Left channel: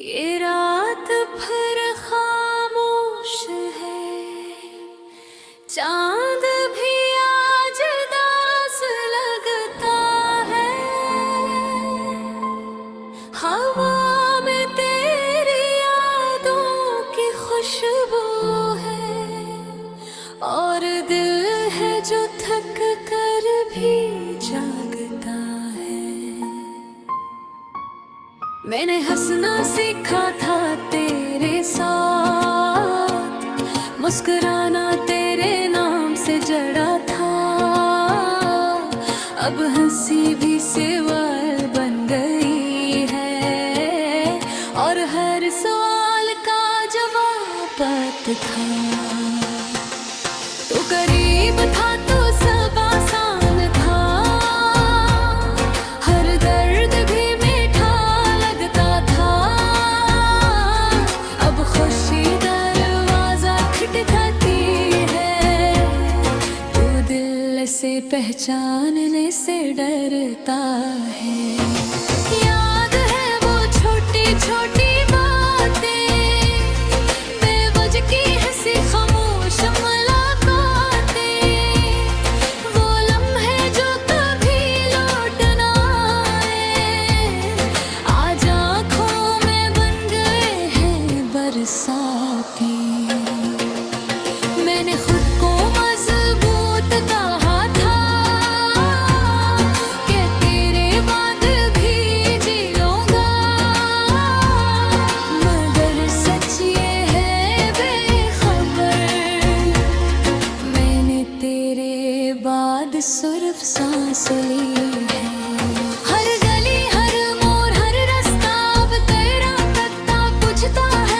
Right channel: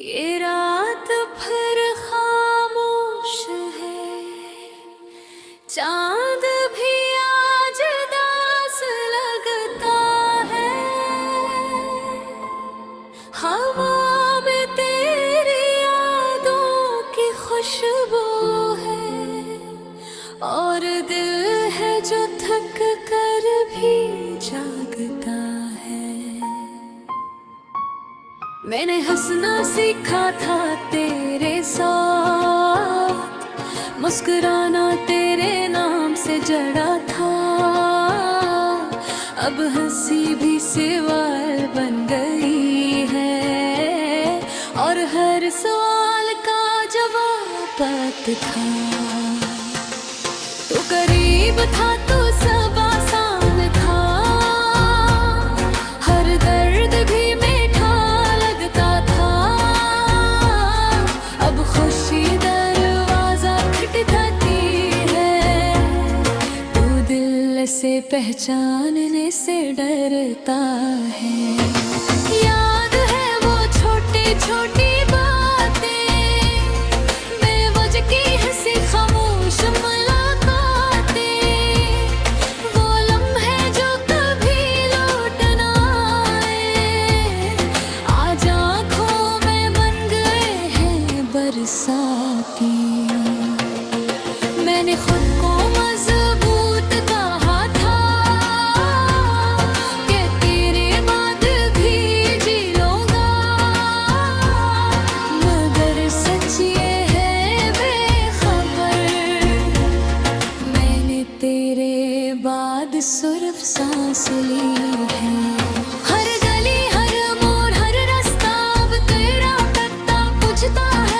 ये रात फिर खामोश है, चांद भी आज दास लगता है। हवा में तेरी यादों की खुशबू है और दिल है जो थक कर भी जागता है। मैंने हंसना सीखा था तेरे साथ, मुस्कुराना तेरे नाम से जड़ा था। अब हंसी भी सवाल बन गई है और हर सवाल का जवाब था। तो करीब था तो सब आसान था, हर दर्द भी मीठा लगता था। अब खुशी दरवाजा खटखटाती है, तू दिल से पहचानने से डरता है। याद है वो छोटी छोटी बातें, बेवजह की हंसी खामोश साथी। मैंने खुद को मजबूत कहा था कि तेरे बाद भी जी लूंगा, मगर सच ये है बेखबर, मैंने तेरे बाद सिर्फ सांस ली है। हर गली हर मोड़ हर रास्ता अब तेरा पता पूछता है,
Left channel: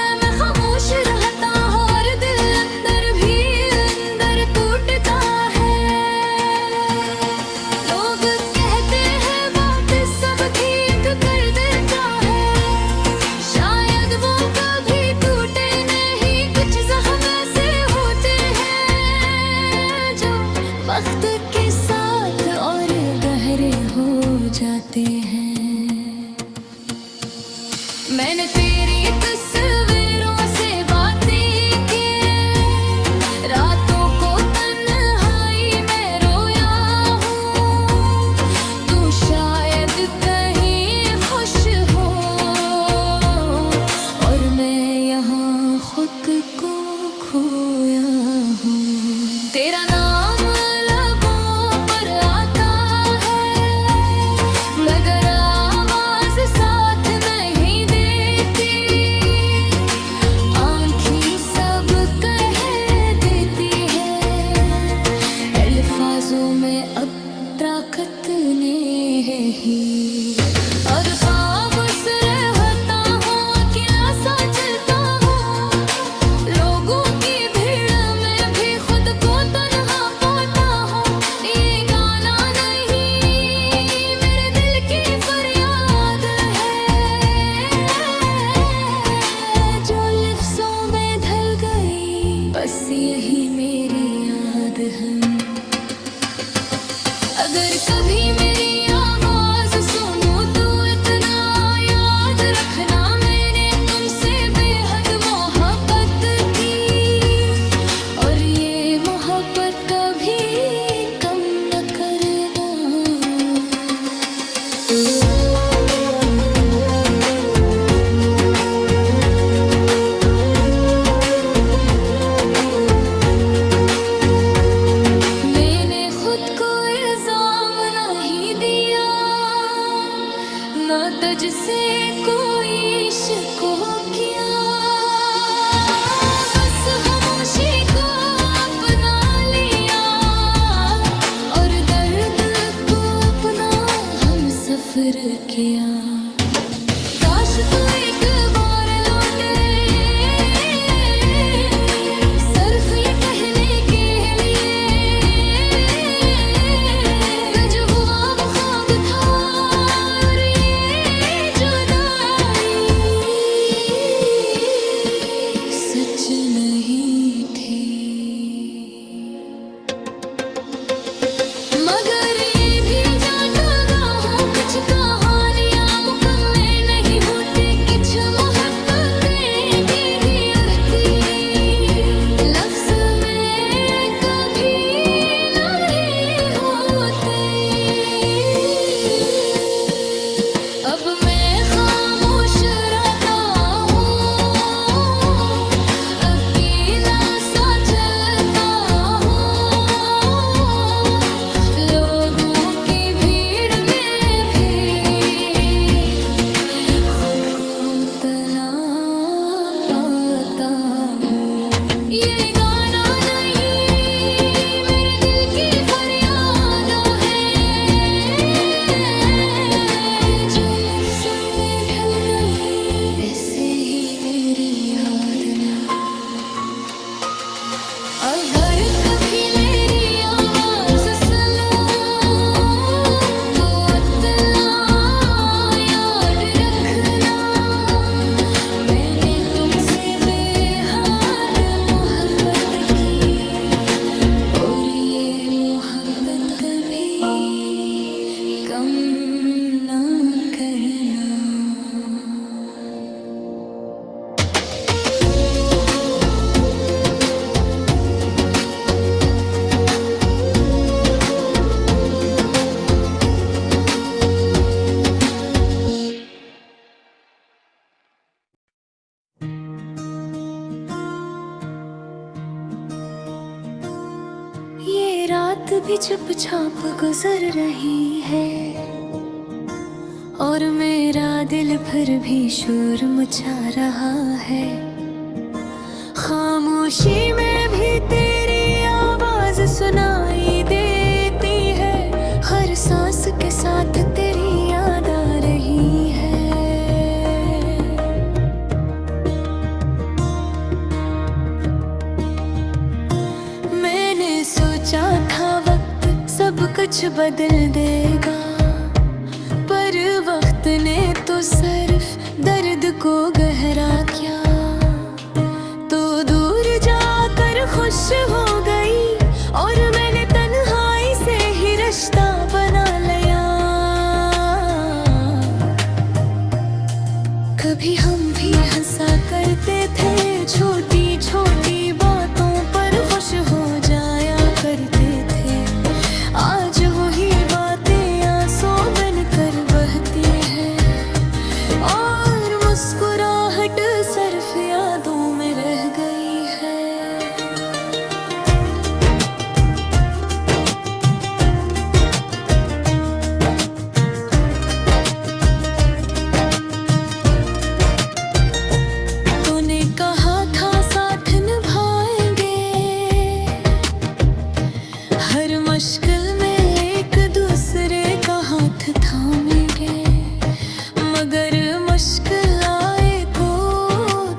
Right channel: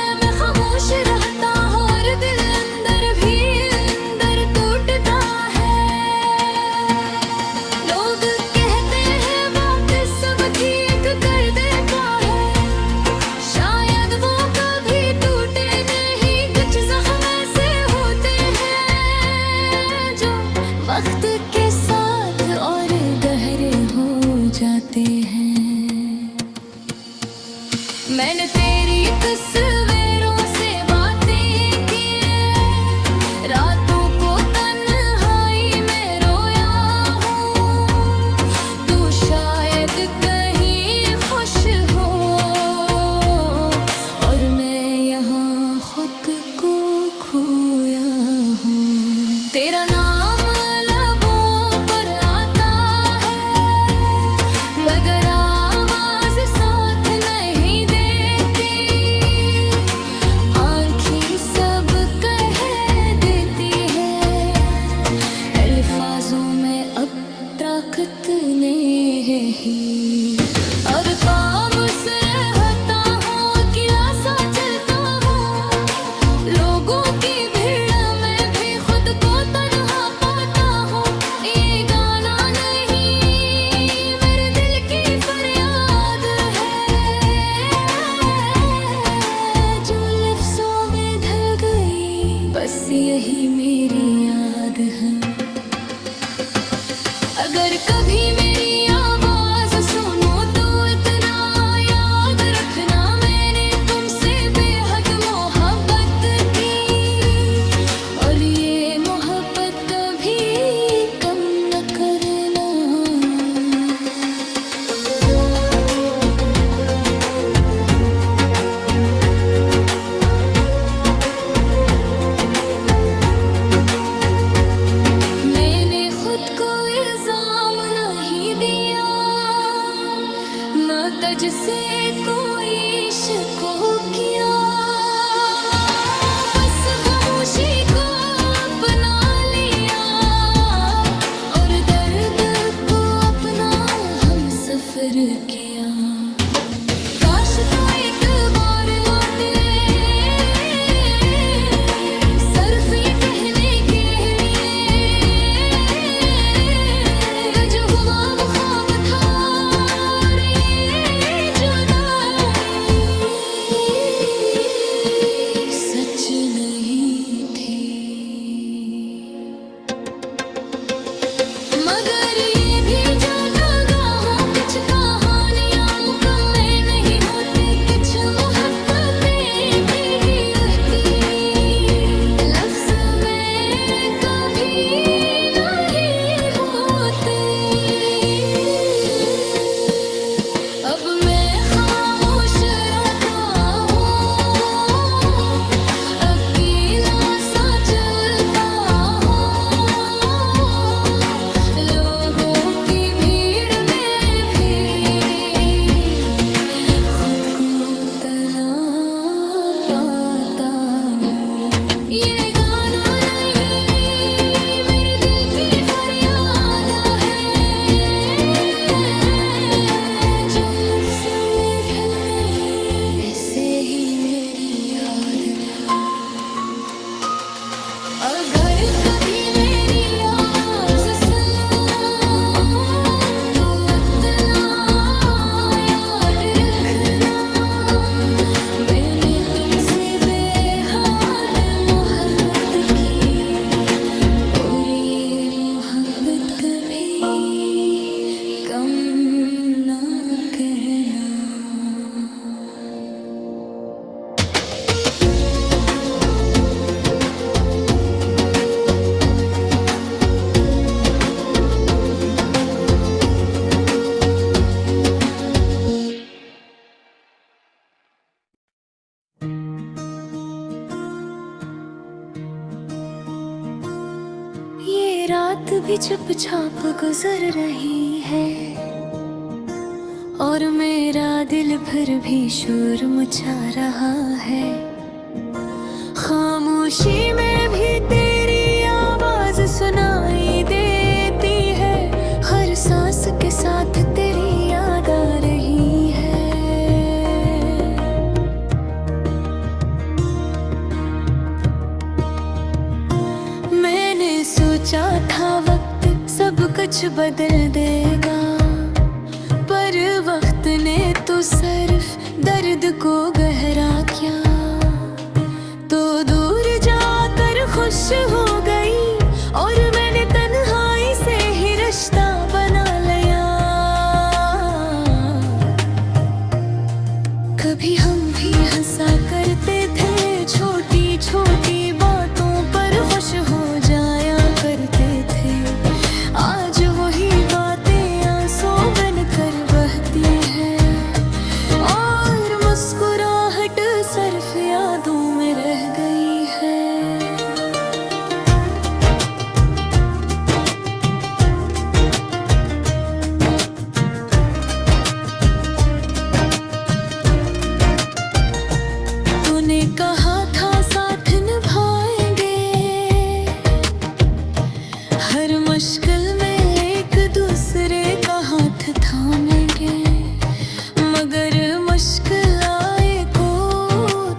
वक्त के साथ और गहरे हो जाते हैं। मैंने तेरी तस्वीरों से बातें की, रातों को तन्हाई में रोया हूँ। तू शायद कहीं खुश हो और मैं यहाँ खुद को खोया हूँ। तेरा नाम में अब ताकत ने ही, और पाँव से रहता हूँ, अकेला सा चलता हूँ। लोगों की भीड़ में भी खुद को तन्हा पाता हूँ। ये गाना नहीं मेरे दिल की फरियाद है, जो लफ्ज़ों में ढल गई, बस यही मेरी याद है। अगर कभी मेरी आवाज सुनो तो इतना याद रखना, मैंने तुमसे बेहद मोहब्बत की और ये मोहब्बत कभी कम न करना। मैंने खुद को ना तुझसे कोई इश्क किया, बस खामोशी को अपना लिया और दर्द को अपना हम सफर किया। काश तू एक बार लौटे, सिर्फ ये कहने के लिए जो हुआ वो ख्वाब था, सच नहीं थी। मगर ये भी जानता हूँ कुछ कहानियाँ मुकम्मल नहीं होती, कुछ मोहब्बत इतना पाता हूँ। ये गाना नहीं मेरे दिल की फरियाद है, जो लफ्जों में ढल गई ऐसे ही मेरी याद ना। अगर कभी मेरी आवाज सुनो तो इतना याद रखना, मैंने तुमसे बेहद मोहब्बत की और ये मोहब्बत कभी कम ना करना। ये रात भी चुपचाप गुजर रही है और मेरा दिल फिर भी शोर मचा रहा है। खामोशी में भी तेरी आवाज सुनाई देती है, हर सांस के साथ तेरी याद आ रही है। मैंने सोचा था वक्त सब कुछ बदल देगा, पर वक्त ने तो सिर्फ दर्द को गहरा किया। तो दूर जाकर खुश हो गई और मैंने तन्हाई से ही रिश्ता बना लिया। कभी हम भी हंसा करते थे, छोटी छोटी बातों पर खुश हो जाया करते थे। आज वही बातें आंसू बनकर बहती है और मुस्कुराहट सिर्फ यादों में रह गई है। तूने कहा था साथ निभाएंगे, हर मुश्किल में एक दूसरे का हाथ थामेंगे, मगर मुश्किल आए को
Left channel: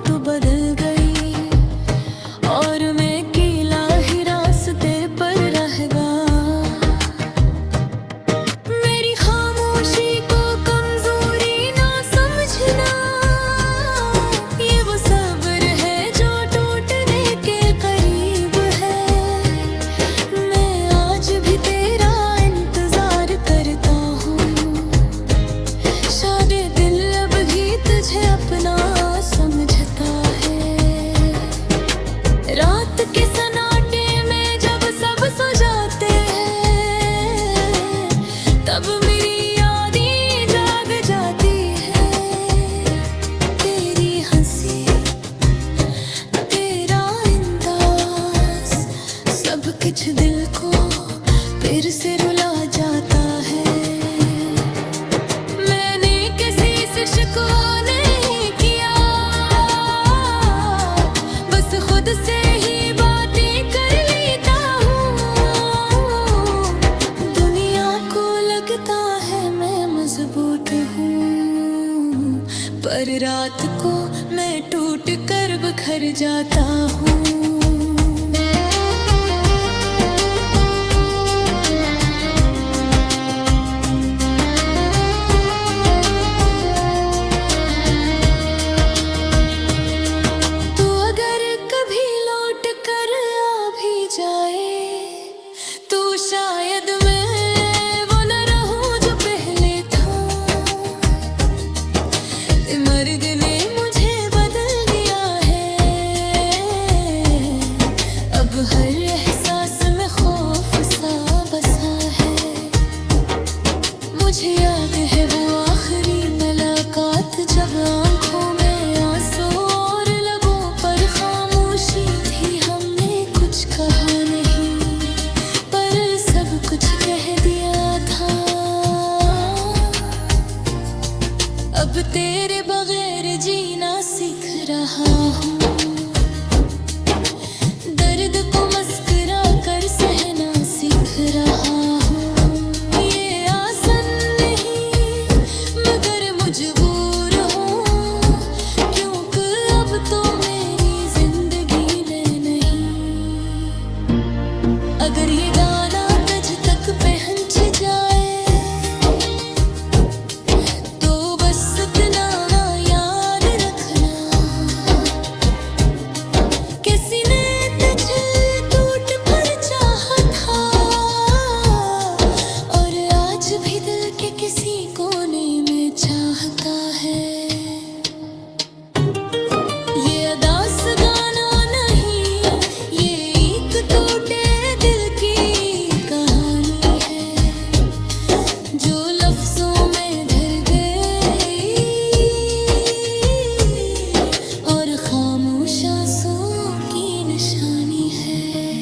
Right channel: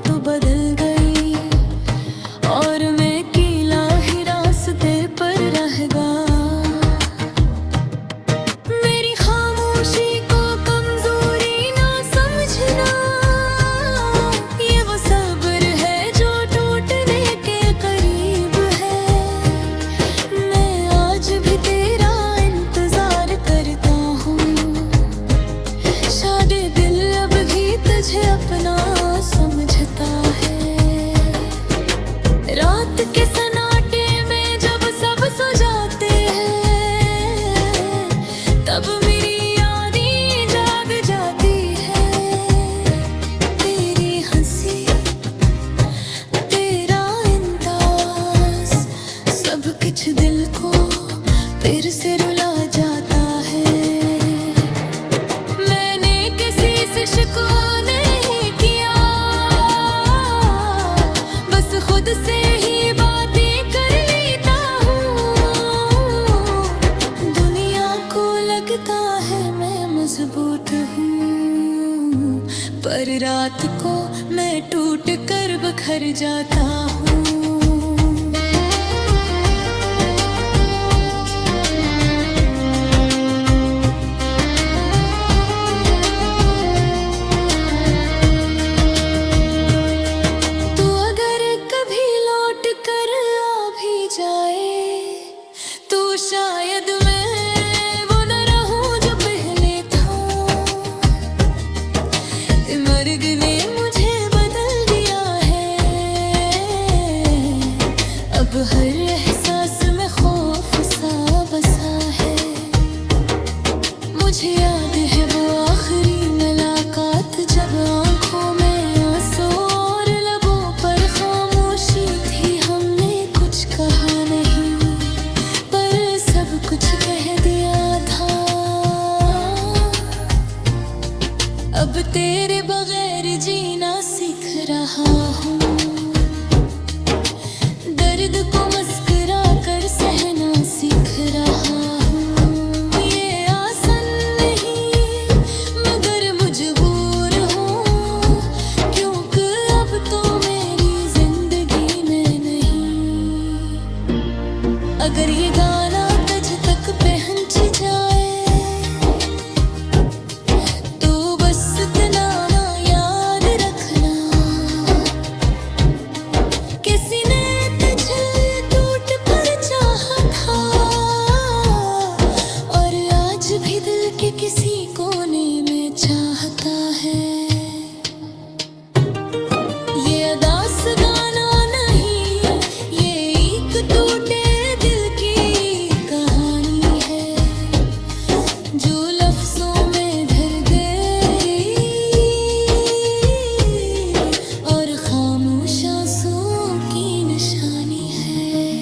तो बदल गई और मैं अकेला ही रास्ते पर रह गया। मेरी खामोशी को कमजोरी ना समझना, ये वो सब्र है जो टूटने के करीब है। मैं आज भी तेरा इंतजार करता हूँ, शायद दिल अब भी तुझे अपना समझता है। रात के सन्नाटे में जब सब सो जाते हैं, तब मेरी यादें जाग जाती है। तेरी हंसी, तेरा अंदाज, सब कुछ दिल को फिर से रुला जाता है। मैंने किसी से शिकवा नहीं किया, बस खुद से ही बातें कर लेता हूँ। दुनिया को लगता है मैं मजबूत हूँ, पर रात को मैं टूट कर बिखर जाता हूँ। तो शायद मैं वो न रहूं जो पहले था। मर्ग ने मुझे बदल दिया है, अब हर एहसास में खौफ सा बसा है। मुझे याद है वो आखिरी मुलाकात, जब आंखों में आंसू और लबों पर खामोशी थी। हमने कुछ कहा नहीं, पर सब कुछ कह दिया था। अब तेरे बगैर जीना सीख रहा हूँ, दर्द को मुस्कुरा कर सहना सीख रहा हूँ। ये आसान नहीं मगर मजबूर हूँ, क्योंकि अब तो मेरी जिंदगी में नहीं। अगर ये गाना तुझ तक पहुंच जाए तो बस इतना ना याद रखना, किसी ने तुझे टूट भर चाहा था और आज भी दिल के किसी कोने में चाहता है। ये अदास गाना नहीं, ये एक टूटे दिल की कहानी है जो लफ्जों में ढल गई और खामोश आंसुओं की निशानी है।